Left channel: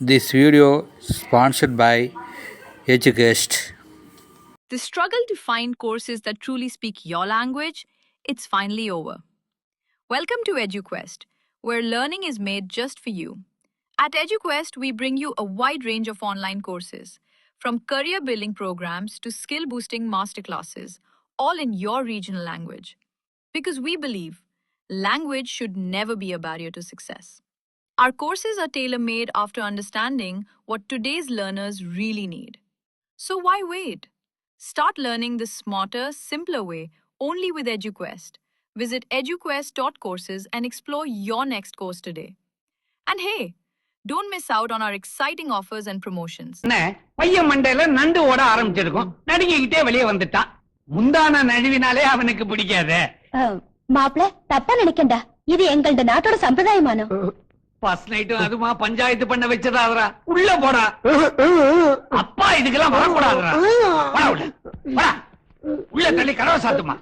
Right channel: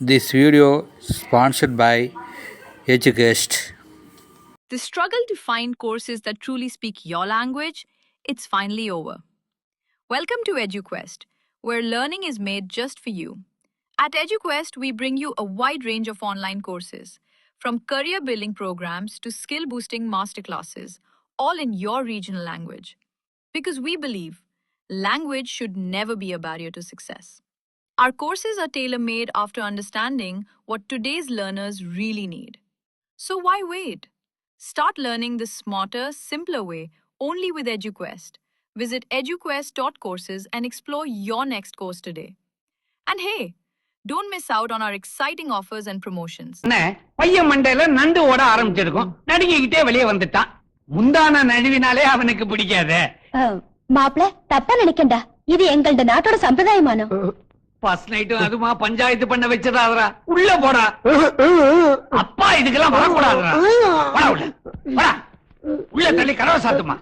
This video sponsored by EduQuest. The struggle to find courses that truly speak your language, it's finally over. Welcome to EduQuest, where learning is made just for you. At EduQuest, we bring you a wide range of online courses, from career building programs to skill boosting masterclasses, all in your regional language. Because we believe language should never be a barrier to success. Our courses are tailor made after understanding what today's learners really need. So why wait? Start learning the smarter, simpler way only with EduQuest. Visit eduquest.courses and explore your next course today. And hey, don't miss out on our exciting offers and promotions. பையன் மண்டையில நண்டு ஓட ஆரம்பிச்சிருக்கும் நடுங்கிட்டே வெளியே வந்துட்டான் முந்தான நழுவினாலே அவனுக்கு பிடிக்காது மாப்பிள தப்பா நினைக்கண்டா இது எங்களோட நாட்டோட சம்பிரதாயமானம் ஃபர்ஸ்ட் நைட் அதுமா பஞ்சாயத்து பண்ண வச்சதா அவரா உள்ள போடா அப்பா இதுக்கெல்லாம் வரக்கூடாதுடா உள்ள தள்ளி கதவை சாத்துமா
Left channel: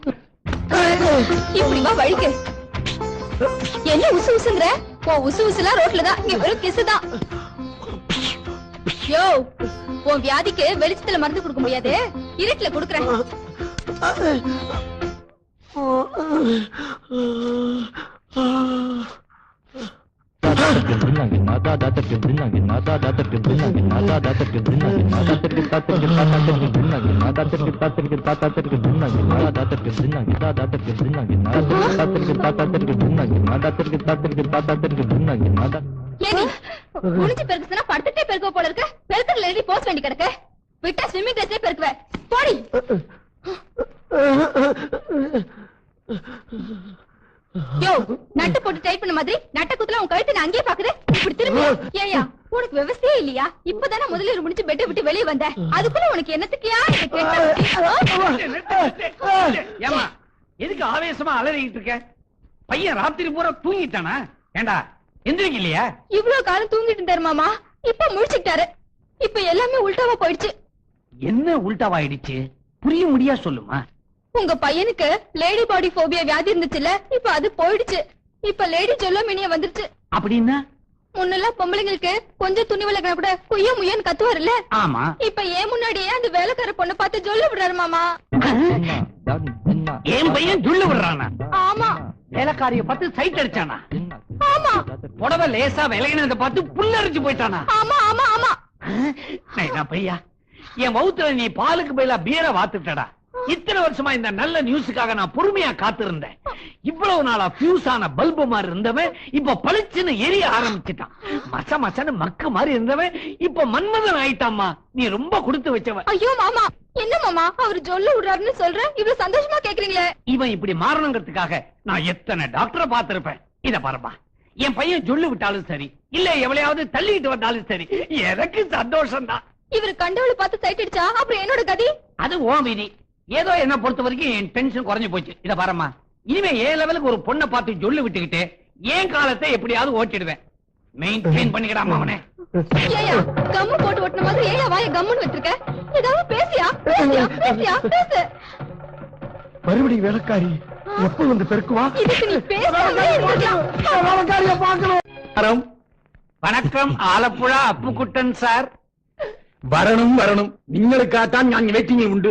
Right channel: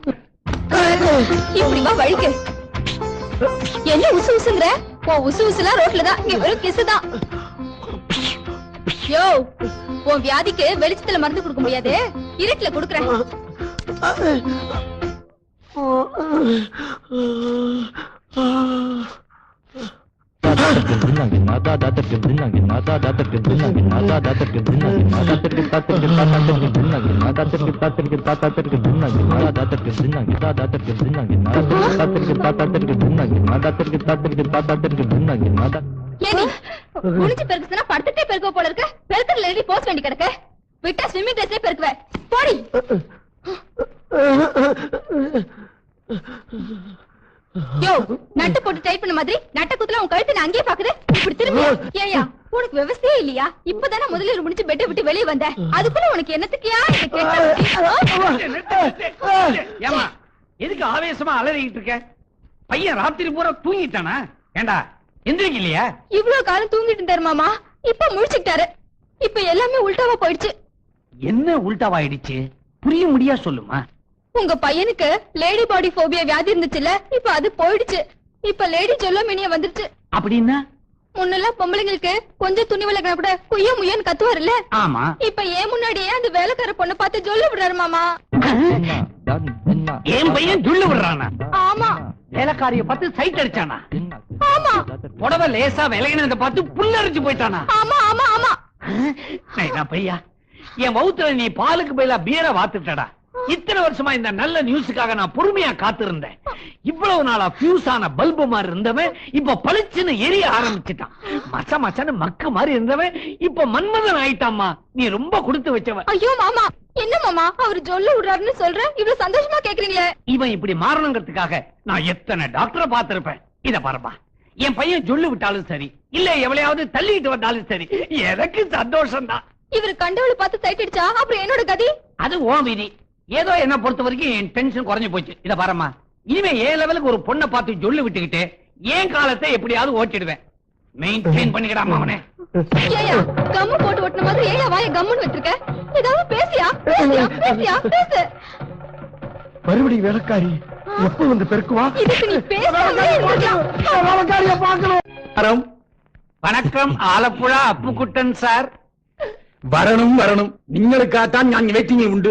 இப்படிமா வழிக்கு என்ன உசு உசுங்கிற உன் உசு உசுலாம் ரோட்லதான் இங்க வெறும் கிசுதான் யோ உன் வியாதிக்கு வெளிச்சத்துல மருந்து கொடுக்க முடியாது இருட்டுல கொடுக்குறேன் முடிச்சு பெருக்குதுன்னா படுத்துட்டே பெருக்க போல இருக்க பெருக்கல எழுதி போஸ்ட் வேண்டி கிடக்க விட்டா ஸ்விம்மிங் கிளாஸ்லயே பெருக்குவேன் போடி யோ நட்டு போட்டு டைப் பண்ண மாதிரி நட்ட குத்துல உன் கழுத்து நான் அங்கேயே பாக்குது இப்படி திரும்பி ஏயா உனக்கு விவசாயே இல்லையா இப்பதானே முதலீடு முடிச்சு பெட்டை விட்டு வெளியே வந்த அதுக்குள்ள உனக்கு என்னத்துக்கியா ஏமா எதுக்கு ஆவேசமா அலறிக்கிட்டு இருக்க பையன் ராத்திரி பூரா தூங்கிட்டானா ஏண்டா எந்திரிக்க இல்லையா இவ்வளவு காலம் தூங்கிட்டு இருந்தாரு மாமா இப்ப முழிச்சுட்டாரு இப்ப எல்லாமே உல்டாவா போயிடுச்சு என்ன உல்டாவாயிடுச்சு புரிய முடியா சொல்லுமா உங்க பையனுக்கு லேடி பாடி போபியா வியாதி இருந்துச்சுல்ல இப்ப அது போயிடுச்சு இப்ப லேடி ஜொல்லோமினியா வந்துருச்சு அப்படின்னா முன்னெல்லாம் பொம்பளைங்களுக்கு கொஞ்சம் துணி விலகினா கூட குய்ய முயன்னு கத்துவாருல்ல ஆமா இப்ப ஏன் முன்னாடியே அந்த வேலைக்கார பொண்ணை பார்த்து ஜொல்ல விடுறாரு மாமா என் பையன் ஜொல்ல விடுறானா ஆமா வேலைக்காரிய பார்த்து சைட் அடிச்சானா ஆமா புடவை லேசா விலகினத பார்த்து புல்லரிச்சு போயிட்டானா ஆமா ஆமா ஆமா பையா என் வவுத்துல நீ பாலுக்கு பதிலா பீரை வாத்துட்டடா இத்தனை வருஷமா இந்த நல்ல நியூஸுக்காக நான் பொறுமையா காத்திருந்தேன் இவ்வளவு நாளா பியூஸ் ஆன பல்பு மாதிரி இருந்தவன் இப்ப பளிச்சுன்னு எரிய ஆரம்பிச்சுட்டான் மச்ச மச்சன்னு மக்க மாதிரி இருந்தவன் இப்ப மன்மதன் ஆயிட்டாமா நீ ரொம்ப கொடுத்து வச்சவன் ஐயோ மாமா என்ன மாமா அவர் ஜொல்ல விடுறாருன்னு சொல்றேன் இவ்வளவு சந்தோஷமா கேக்குறீங்களே இவன் இப்படி மாறணுங்கிறதுக்காக நான் எத்தனை டாக்டரை பார்த்திருப்பேன் இத பாருப்பா என் பையன் ஜொல்லு விட்டாலும் சரி இல்ல எவ்வளையாவது தள்ளிட்டு வந்தாலும் சரி எனக்கு சந்தோஷம் தான் இவரு கண்டவளை பார்த்து சைட் அடிச்சா அப்புறம் என்னோட கதி அது ஓ விதி ஏதோ என்ன பொறுத்த வரைக்கும் என் டென்ஷன் குறைஞ்சு போச்சு இத பாருமா இனிமே ஏன் லெவலுக்கு ஒரு பொண்ணை பார்த்து சொல்லி விட்டுக்கிட்டு ஏன் காலத்தை எப்படியாவது ஓட்டிடுவேன் மெயின்டைன் பண்ணிக்கிறாமா அவனே கம் போட்டு ஓட்டுன மாதிரி ஏன் வாய கம்முன்னு வச்சிருக்க ஏதாவது பேசியா பேசு மறுபடியும் வேலைக்காரி எப்ப வந்து பெருக்குவா இதுக்கு நீ பேசாமலே இருந்திருக்கலாம் வணக்கம் ஆலப்புழா அப்புக்குட்டன் சார் வரணும் வரணும் നിങ്ങൾക്കാട്ടാൻ ഞാൻ വെയിറ്റിംഗ് ഉണ്ട്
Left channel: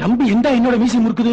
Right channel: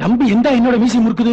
தம்பி எந்த என்னோட மீசி முறுக்குது